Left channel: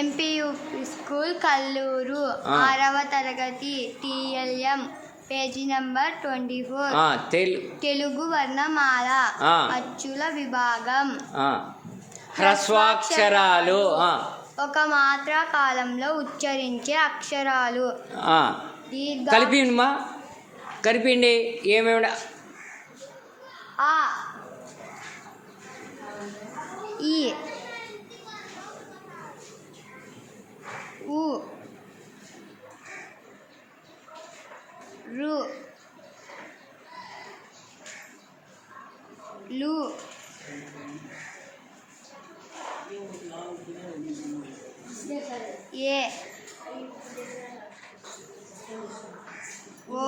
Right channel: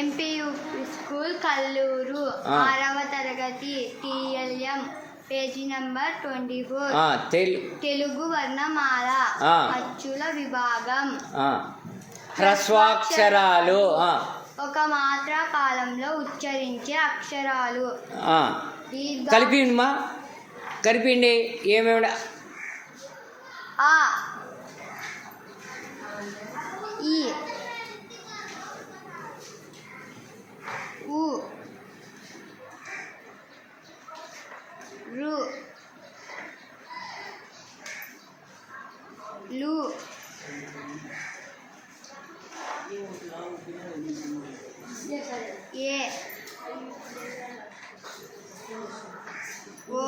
MPU school Kalluru 6వ తరగతి TLM page number 24 Telugu వర్ణమాల అచ్చుల విభాగం హ్రస్వాక్షరాలు ఒక మాత్రా కాలంలో ఉచ్చరించే అక్షరాలు కలిపిండి ఏమేమి ఆ ఈ ఊ రు లు ఏ ఓ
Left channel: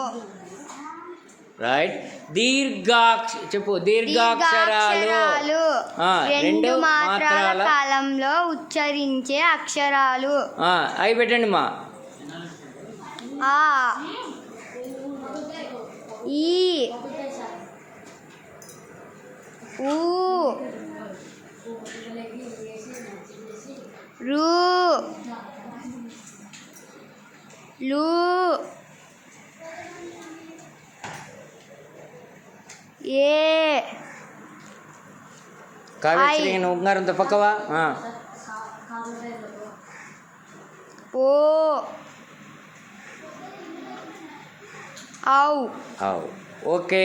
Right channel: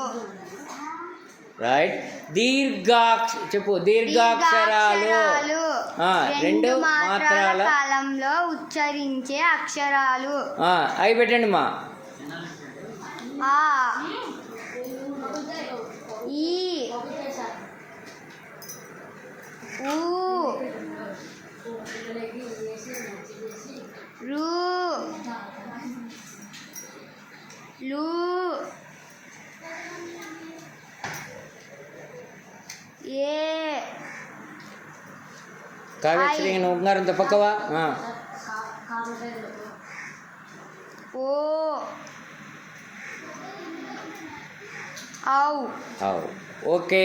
రైట్. దీర్ఘాక్షరాలు రెండు మాత్రాల కాలంలో ఉచ్చరించే అక్షరాలు అవి పెట్టండి మా. ఆ ఈ ఊ రు లు ఏ కావ్యశ్రీ ఉంగారంతో పక్కవా ఓ ఔ ఓకే.